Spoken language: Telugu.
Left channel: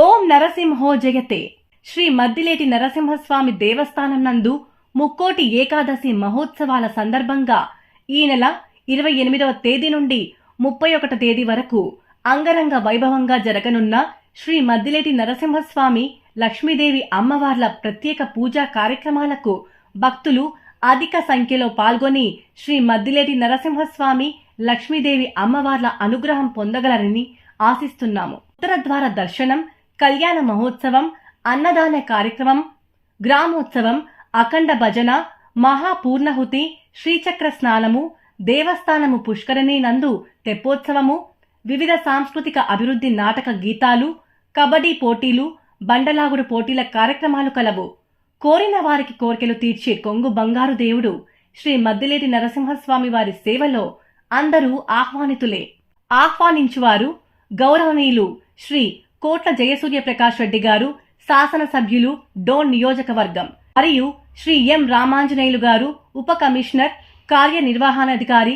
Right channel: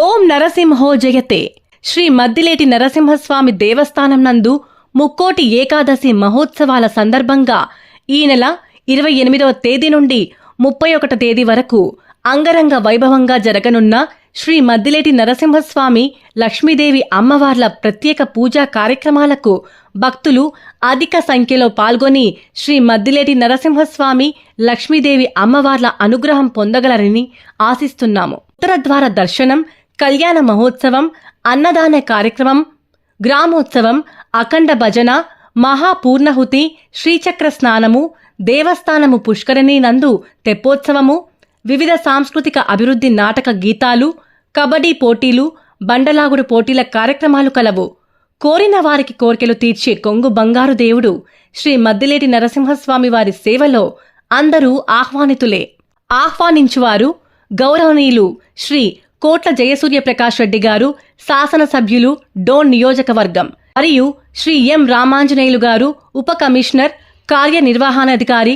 ఓం నరసింహో జయతే. శ్రీ మద్దిలేటి నరసింహస్వామి దేవస్థానం నందు ముక్కోటి ఏకాదశి మహోత్సవాల సందర్భంగా ఈ నెల 28వ తేదీ నుండి 31వ తేదీ వరకు అంగరంగ వైభవంగా జరగనున్న శ్రీ మద్దిలేటి నరసింహస్వామి లక్ష్మీదేవి అమ్మవార్ల ప్రత్యేక పూజా కార్యక్రమాలకు భక్తులు అధిక సంఖ్యలో పాల్గొని శ్రీ మద్దిలేటి నరసింహస్వామి లక్ష్మీదేవి అమ్మవార్ల అనుగ్రహం పొందగలరని ఆశిస్తున్నాము. ఉత్తరద్వార దర్శనం, కళ్యాణ మహోత్సవం, అన్నదాన కార్యక్రమం, గ్రామోత్సవం, అఖండ భజన, మహాపూర్ణహుతి, శ్రీచక్ర స్నానము, దేవస్థానము పుష్కరిణి నందు తెప్పోత్సవము, వివిధ సాంస్కృతిక అభివృద్ధి నాటక గీతాలు, కబడ్డీ పోటీలు, బండలాగుడు పోటీల కార్యక్రమాలు కలవు. కోరిన వారికి కోర్కెలు తీర్చే కొంగు బంగారు దేవుడు శ్రీ మద్దిలేటి నరసింహస్వామి వారి సేవలో అందరూ ఆహ్వానితులే. ఆహ్వానించువారు గౌరవనీయులు శ్రీ కోట్ల జయసూర్యప్రకాష్ రెడ్డి గారు, శాసనసభ్యులు, డోన్ నియోజకవర్గం, మరియు శ్రీ ఎం రామాంజనేయులు గారు, ఉప కమిషనర్, కార్యనిర్వహణాధికారి,